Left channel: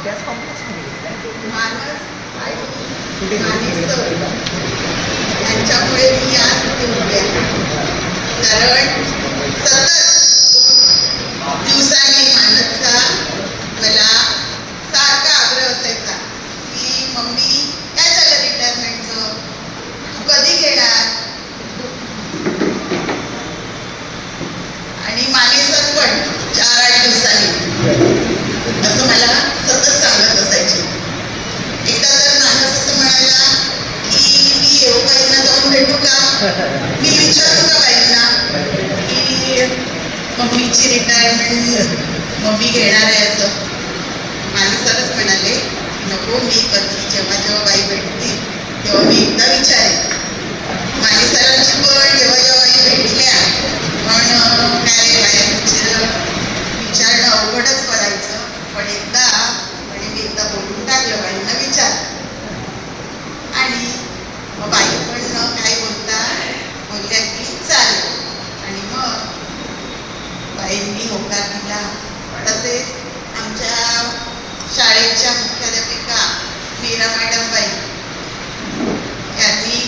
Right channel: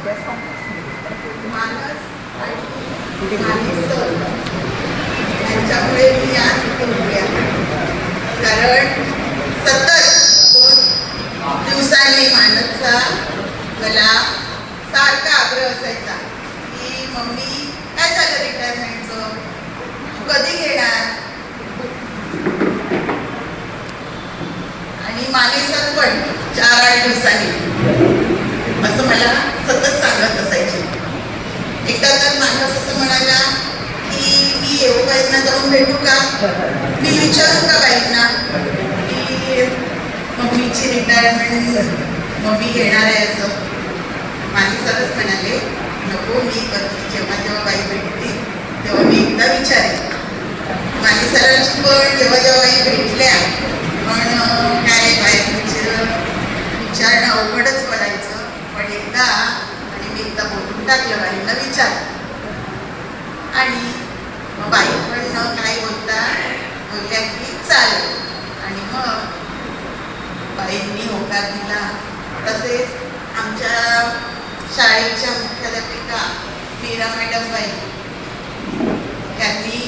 मानस आणि मानेस यांच्यामुळे मी आज इथे उभे आहे. कारण सतत 2 दिवसांनी मानसचा मला सारखा आग्रह असायचा की मम्मी काय झालं रिटायरमेंटचं, तू कधी घेणार. आणि मानेसर पण 4-8 दिवसांनी असं मला सतत सांगत असायचे. एकदा तर मानस असं म्हणाला की मी येऊ बाईंना जाऊन भेटू का, मी विचारू का बाईंना की मम्मीची रिटायरमेंट मम्मी घेणार आहे असं. मानसरच म्हणाले नको, मी कधी जेव्हा बाई भेटते तेव्हा मी एकदा विचारेन. मानेसरांची पण जेव्हा भेटल्या पण काय विचारणं अवघडच पडायचं. पण एकदा आणि मी एकदा बोलून टाकलं बाईंना विचार. आणि मग बाई पण काय बोलल्या की चालेल. आणि मग बाईंनी होकार दिला. तसेच आमच्या शाळेच्या मुख्याध्यापिका मीरा मॅडम बाई यांनी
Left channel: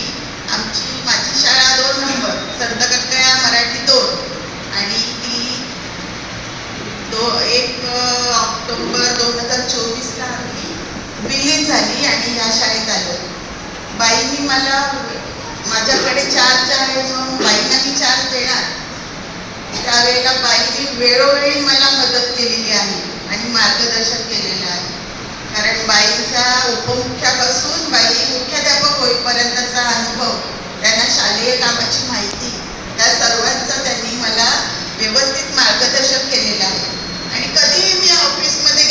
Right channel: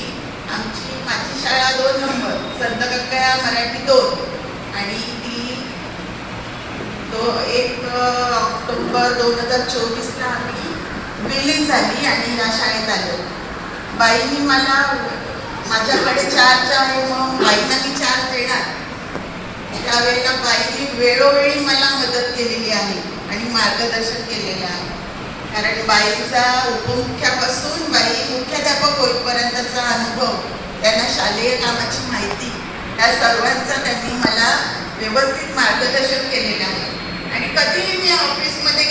माझी शाळा 2 नंबर संत कक्कया मराठी 2 आणि ती 1 ऑक्टोबर 2024ला आम्ही विलीन झाली आणि या शाळेत आलो. बाईंनी मला माझ्याकडे चार्ज आहे मग बाईंना मी चार्ज देणार. त्यावेळेला बाईंनी वेळोवेळी मला मदत केलेली आहे आणि मार्गदर्शन केलेलं आहे. कारण बाईंचा उपमुख्यापासून बाई मुख्याध्यापक होईपर्यंतचा अनुभव, त्यांना शालेय कामाची माहिती, त्या सर्वांचा त्यांनी मला व्यवस्थित मार्गदर्शन केलेलं आहे. आणि कधीही मी ऑफिसमध्ये